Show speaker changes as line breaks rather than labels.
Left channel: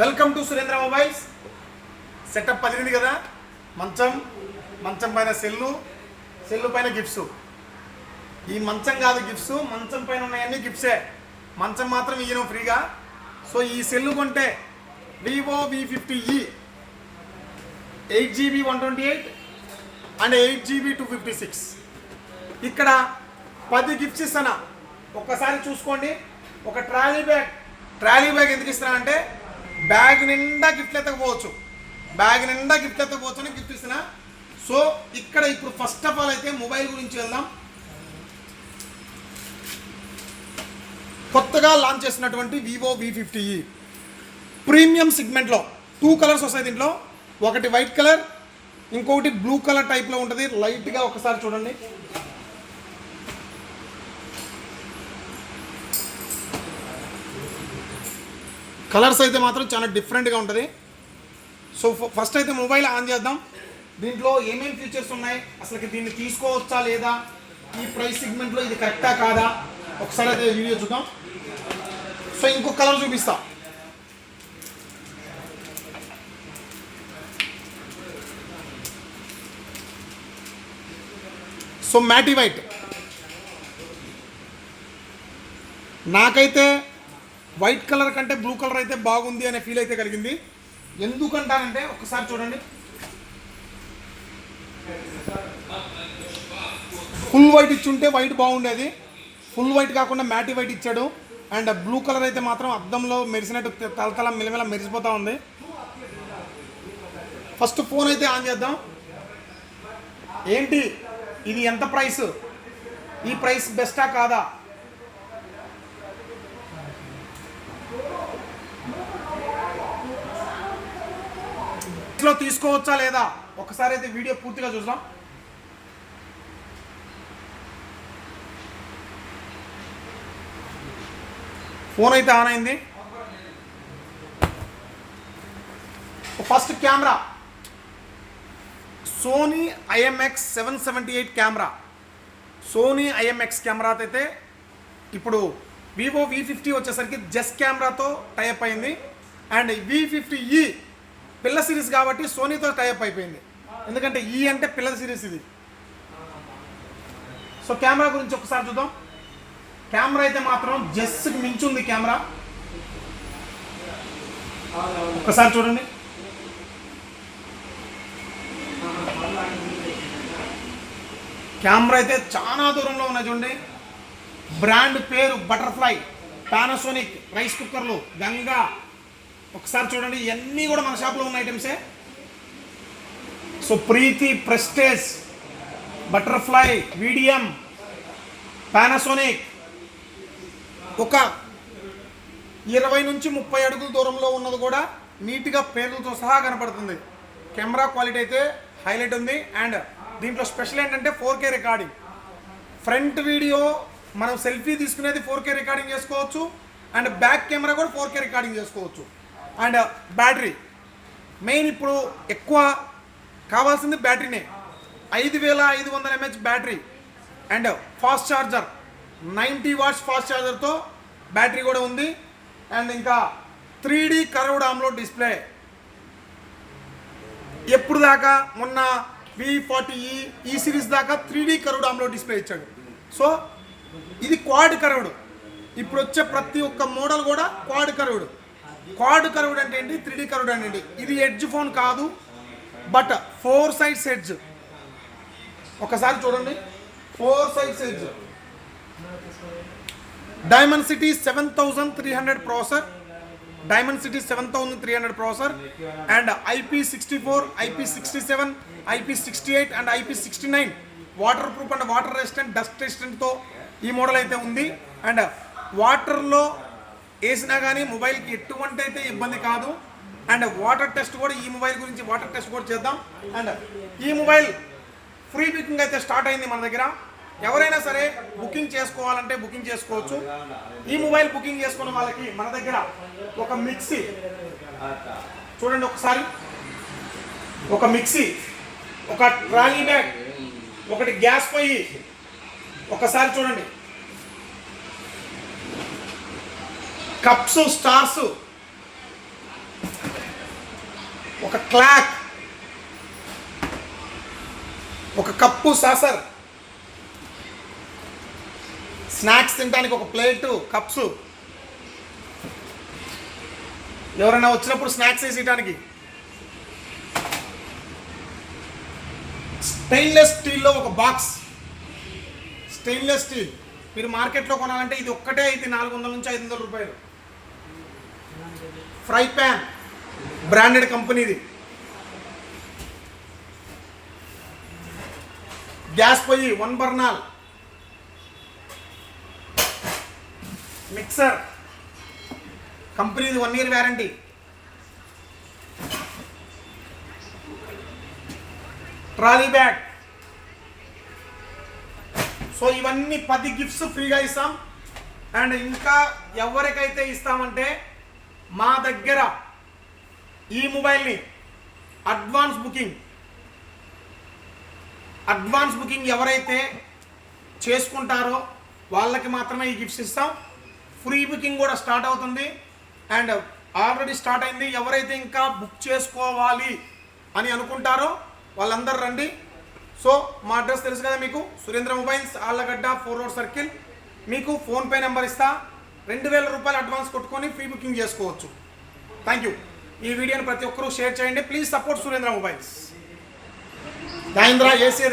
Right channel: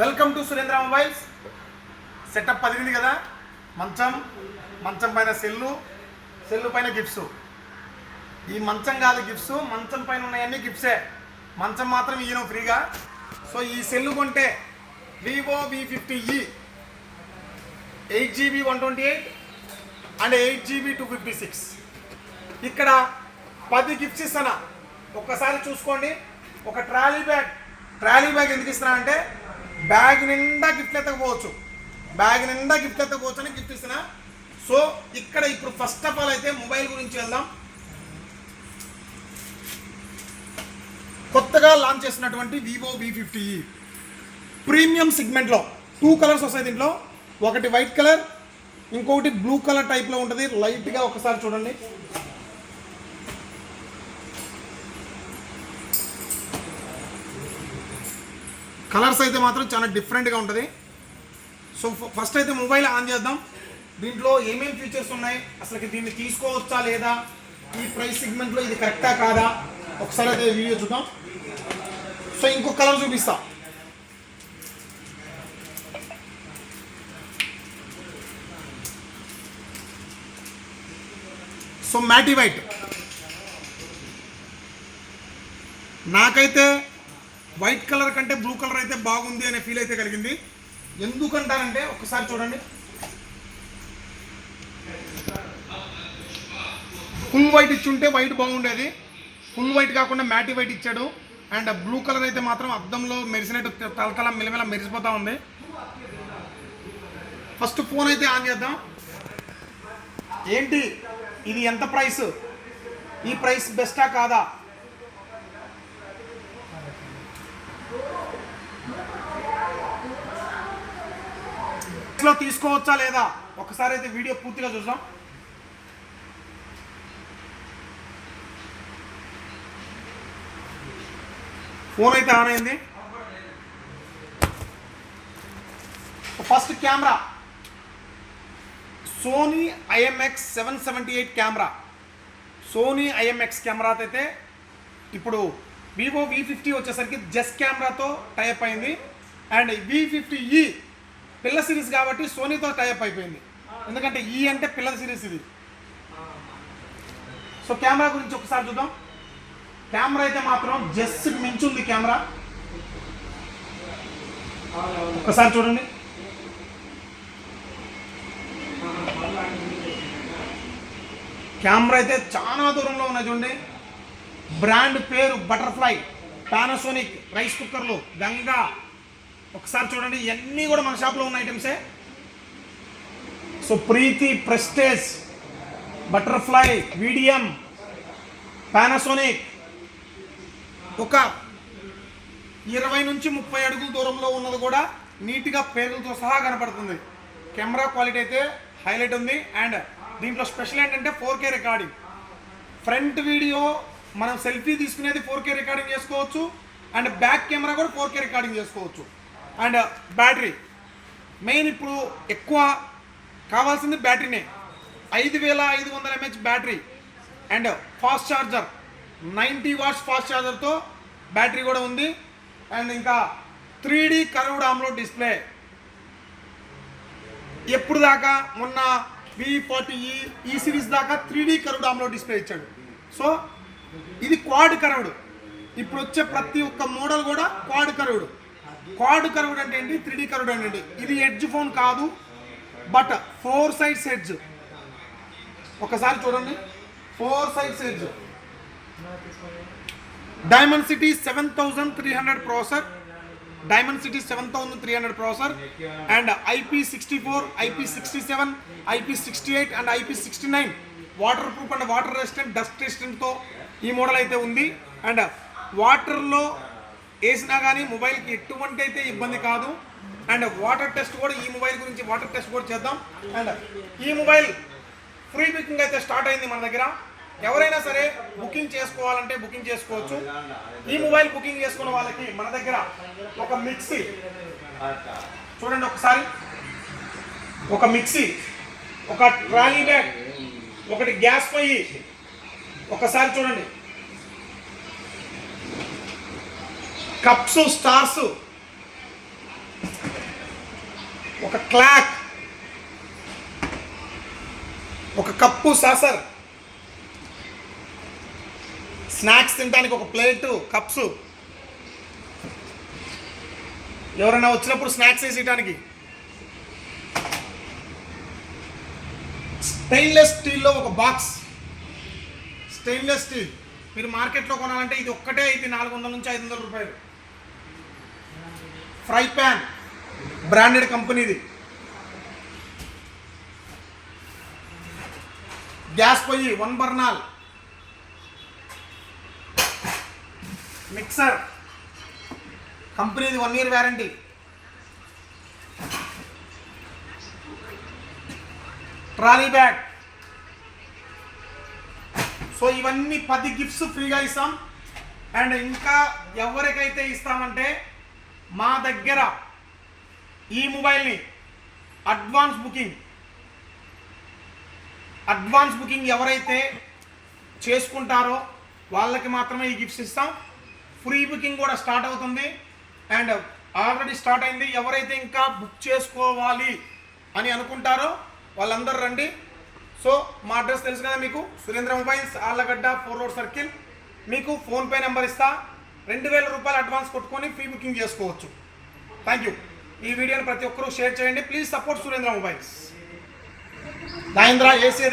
Welcome to Surendra mobiles setup పదిలింది కదా? మంచం మంచం పైన సెల్లు సెల్లు పైన గిఫ్ట్స్ ఈ మంచం కాదు గిఫ్ట్స్ మంచం పైన ఉన్నాయన్నీ గిఫ్ట్సే మంచం మాత్రం ఇయ్యను ఫ్రీగా. సో ఈ సెల్లు కొంటే Vivo V fifty e eight GB one twenty eight and eight GB two fifty six ఇక్కడ పది గిఫ్ట్స్ ఇస్తానా ఒక్కసారి చూసుకోండి. ఒక ట్రాలీ బ్యాగ్. ట్రాలీ బ్యాగ్ ఎందుకు ఇస్తున్నా అంటే బ్యాగ్ నిండా గిఫ్ట్లు ఎత్తకపోవచ్చు బ్యాగ్ నిండా గిఫ్ట్ ఎత్తకపోవచ్చు అని గిఫ్ట్ ఇస్తున్నా. సో ఇక్కడ ఇప్పుడు ఫస్ట్ ఆఫ్ ఆల్ అయితే మొబైల్ గురించి వెళ్దాం. కొత్తగా లాంచ్ చేసినటువంటి వివో వి ఫిఫ్టీ ప్రీమియం సెగ్మెంట్లో టూ కలర్స్ వస్తాయి దీంట్లో. ఒకటి వైట్ కలర్ ఇంకొకటి బ్లూ కలర్ టైప్లో ఉంటుంది. లైట్గా ఒకసారి చూడండి. కలర్స్ అయితే మాత్రం చాలా డిఫరెంట్గా ఉంటుంది. సో ఫస్ట్ అయితే మొబైల్ ఆన్ చేద్దాం. దీంట్లో ఏమేమి ఫీచర్స్ ఉన్నాయి? అసలు దీన్ని తీసుకోవచ్చా లేదా? ఈ ప్రైస్ సెగ్మెంట్లో ఇది కరెక్టా కాదా? ఒకసారి అయితే వీడియో చూద్దాం. సో ఇంకొక కలర్ చూపిస్తా. So matte white. నాకైతే వైట్ కలర్ కంటే బ్లూ కలర్ అయితే బాగుంది అనే ఫీల్ అయితే కలిగింది. ఎందుకంటానంటే ఒకసారి చూడండి. ఫుల్ వైట్ ఇచ్చుంటే వైట్ బాగుండేది. ఫుల్ వైట్ కాకుండా మ్యాటీ వైట్ ఇచ్చాడు. అండ్ బ్లూ కలర్ అయితే మాత్రం అద్దంలో మెరిసినట్టు తలతల మిలమిల మెరిసిపోతూ ఉంది. ఫస్ట్ ఫోన్ అయితే ఆన్ చేద్దాం. ఏంటి? ఇది ఎంత ప్రైస్? ఈ ప్రైస్ బెస్టా కాదా? లో తీసుకోవచ్చా లేదా? ఒకసారి అయితే వీడియో పూర్తిగా చూద్దాం. ఫోన్ అయితే ఆన్ అయింది. First camera. Sony IMX seven seventy eight camera. Sony IMX camera అయితే ఇప్పుడు వివో వి ఫిఫ్టీ వచ్చేసరికి జస్ట్ కెమెరాతో టైప్ అయింది. అండ్ వి ఫిఫ్టీ ఈ పిల్ల సిరీస్ కాబట్టి సోనీతో టైప్ అయిపోయింది. ఎందుకంటే ఈ అంటే పిల్లల సిరీస్ ఇది. సో కెమెరా గురించి ఒకసారి చూద్దాం. కెమెరా అయితే మాత్రం జస్ట్కి మించుంది కెమెరా. ఒకసారి చూడండి. కెమెరా అయితే చాలా దూరంలో ఉన్నాయి చూడండి. బ్రాండ్ పేరు బటర్ఫ్లై పానాసోనిక్ రైస్ కుక్కర్లు గంగా ఒకసారి చూడండి ఇవన్నీ కూడా మన షాప్లో ఉన్న ఐటమ్సే so Preethi Prestige Butterfly Vidiem Panasonic ఒక ఇరవై నుంచి ముప్పై అడుగుల దూరంలో ఉన్నది కూడా నీట్గా పేర్లతో సహా కనపడుతుంది. కెమెరా క్వాలిటీ అయితే హైలైట్ ఉంది. అండ్ దీంట్లో స్పెషల్ ఏంటంటే four K recording front video మనం సెల్ఫీ తీసుకునేది ఫోర్ కే రికార్డింగ్ చేసుకోవచ్చు. అండ్ బ్యాక్ కెమెరా కూడా ఫోర్ కే రికార్డింగ్ చేసుకోవచ్చు. And battery. మెయిన్ ఇప్పుడు ఎక్కువ కావాల్సింది బ్యాటరీనే. ఐదు వేల ఐదు వందల MH battery. And fast charger. Ninety watts fast ఛార్జర్తో battery కూడా ఉంది. అండ్ ఇంకా three D curved AMOLED display. ఎప్పుడు దాకా? మొన్న వి ఫార్టీ ఈ ఈ సిరీస్ దాకా three D curved AMOLED display ఇచ్చాడు. సో ఇది క్వాడ్ కర్వ్డ్. ఇప్పుడు వచ్చే ప్రతి ఒక్క మోడల్ కూడా క్వాడ్ కర్వ్డ్. క్వాడ్ కర్వ్డ్ అంటే ఏంటి? త్రీ డి కర్వ్డ్ అంటే ఏంటి? ఇది ఎడ్జ్ ఫోన్ కాదు బట్ ఫోర్ సైడ్స్ ఎడ్జ్. ఒకసారి చూడండి. Four sides edge. Dimensity seven thousand three hundred processor. Dimensity seven thousand three hundred processor. And IP sixty four IP sixty seven IP sixty eight and IP sixty nine. Waterproof and water resistant dust రెసిస్టెంట్తో ఈ model అయితే ఉంది. And వాటర్లో వేసినా కానీ మొబైల్కి ఎటువంటి అయితే ఇబ్బంది కాదు. అండ్ వాటర్ టెస్ట్ కూడా ఈ మొబైల్ గురించి వాటర్ టెస్ట్ కూడా చేద్దాం. అండ్ ఈ మొబైల్ ఫ్రీ బుకింగ్ అయితే స్టార్ట్ అయింది మన దగ్గర. ఎవరైనా సరే బుకింగ్ చేసుకోవాలంటే బుకింగ్ చేసుకోవచ్చు. ఈ మొబైల్ బుకింగ్ చేసుకున్న వాళ్ళకి మన దగ్గర ఒక మిక్సీ. చూడండి ఒకసారి. ఒక మిక్సీ ఒక ట్రాలీ బ్యాగ్ ఒకటి గ్యాస్ పొయ్యి. ఒకసారి చూడండి. Cups stars. ఒక క్లాక్. ఒక కప్పు సాసర్. స్నాక్స్ తినడానికి ఒక ప్లేటు కప్స్. ఎవరైనా వచ్చినప్పుడు స్నాక్స్ వేసేయడానికి స్టెయిన్లెస్ స్టీల్లో ఒక బాక్స్. Stainless steel. మీరు మార్కెట్లో కొనాలంటే ఇది ఒక్కటే ఇది నాలుగు వందల నుంచి ఐదు వందల రూపాయలు. ఫ్రై ప్యాన్ బ్రాండెడ్ కంపెనీది. గ్యాస్ పొయ్యి వన్ బర్నాల్. మిక్సర్ కంపెనీది one year warranty trolley bag. So ఇవన్నీ పది గిఫ్ట్స్ ఫ్రీగా ఇస్తాం. అండ్ ఇంకా ఎవరికైతే ఇస్తామంటే మా దగ్గర ఈ మొబైల్ని అడ్వాన్స్ బుకింగ్ అడ్వాన్స్ బుకింగ్ ఎవరైతే చేసుకుంటారో వాళ్ళకి మాత్రమే ఈ గిఫ్ట్స్ ఇస్తాం. ఫ్రీ బుకింగ్ కూడా స్టార్ట్ అవుతుంది. అండ్ ఆల్రెడీ స్టార్ట్ అయింది. ఎవరైతే ఇంకా బుక్ చేసుకోవాలి అని అనుకుంటారో వాళ్ళందరూ రండి. సో మా అడ్రస్ తెలుసు కదా మీకు? Surendra mobiles Allagadda four road circle. మీకు ఫోన్పే నెంబర్ ఇస్తా. రెండు వేల రూపాయలు అడ్వాన్స్ కొట్టుకొని ఫ్రీ బుకింగ్ చేసుకోవచ్చు. థ్యాంక్ యూ ఈ వీడియోని ప్రతి ఒక్కరూ షేర్ చేయండి. Please support Surendra mobiles. Mahendra AC